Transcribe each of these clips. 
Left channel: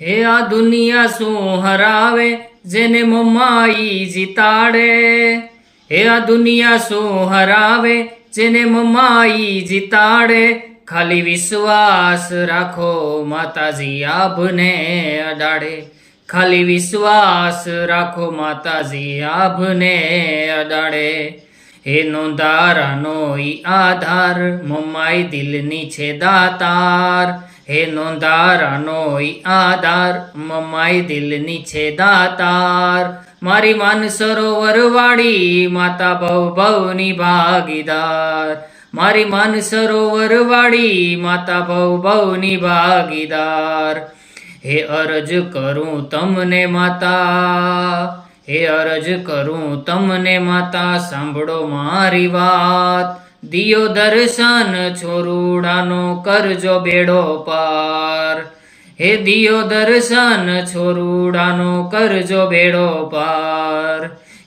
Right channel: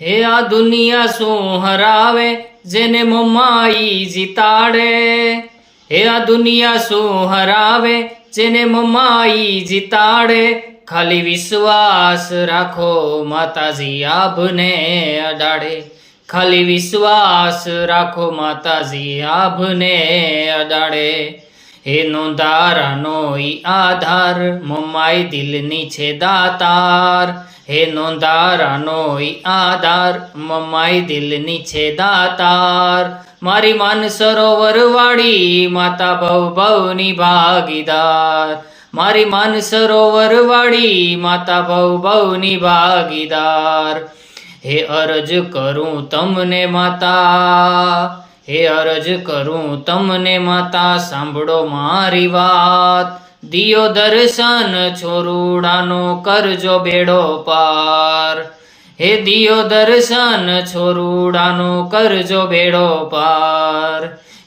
હે આ દુનિયા શું હરાવે જેને મમાઈ જીતાડે, હે આ દુનિયા શું હરાવે જેને મમાઈ જીતાડે, ખાલી વિશ્વાસ રાખો માતાજી આભને અડાડે, ખાલી વિશ્વાસ રાખો માતાજી આભને અડાડે. હે નોંધારાનો ઈ આધાર મમાઈ દિલની છે દાતાર, હે નોંધારાનો ઈ આધાર મમાઈ દિલની છે દાતાર, મારી માન સરોવર વાળી માતા ભવ ભવની ભાગીદાર, મારી માન સરોવર વાળી માતા ભવ ભવની ભાગીદાર. હે અરજ કરું તમને માતા, હે અરજ કરું તમને માતા સાંભળો મારી વાત, દિયો દર્શન છોરુડાનો કરજો બેડો પાર, હે દિયો દર્શન છોરુડાનો કરજો બેડો પાર.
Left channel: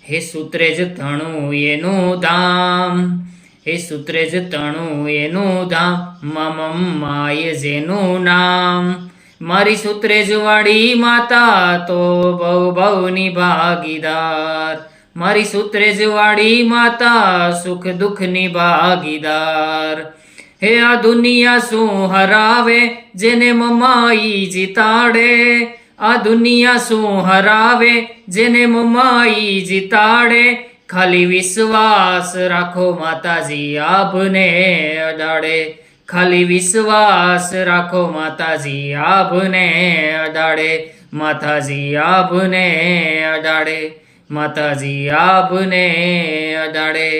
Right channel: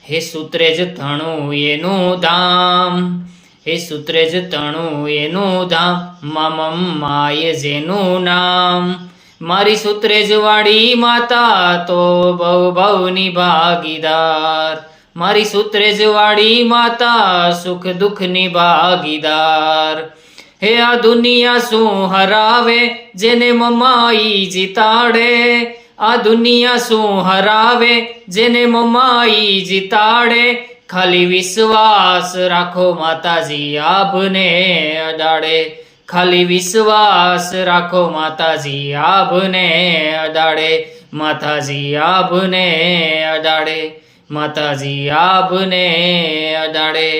હે સૂત્રે જ તણું એનું ધામ, હે સૂત્રે જ તણું એનું ધામ, મમ્માએ જેનું નામ, મારી સૂત્રેજ વાળી માતા તો ભવ ભવની ભાગીદાર, મારી સૂત્રેજ વાળી માતા સુખ દુઃખની ભાગીદાર. હે આ દુનિયા શું હરાવે જેને મમાઈ જીતાડે, આ દુનિયા શું હરાવે જેને મમાઈ જીતાડે, ખાલી વિશ્વાસ રાખો માતાજી આભને અડાડે, ખાલી વિશ્વાસ રાખો માતાજી આભને અડાડે, માતાજી આભને અડાડે, માતાજી આભને અડાડે.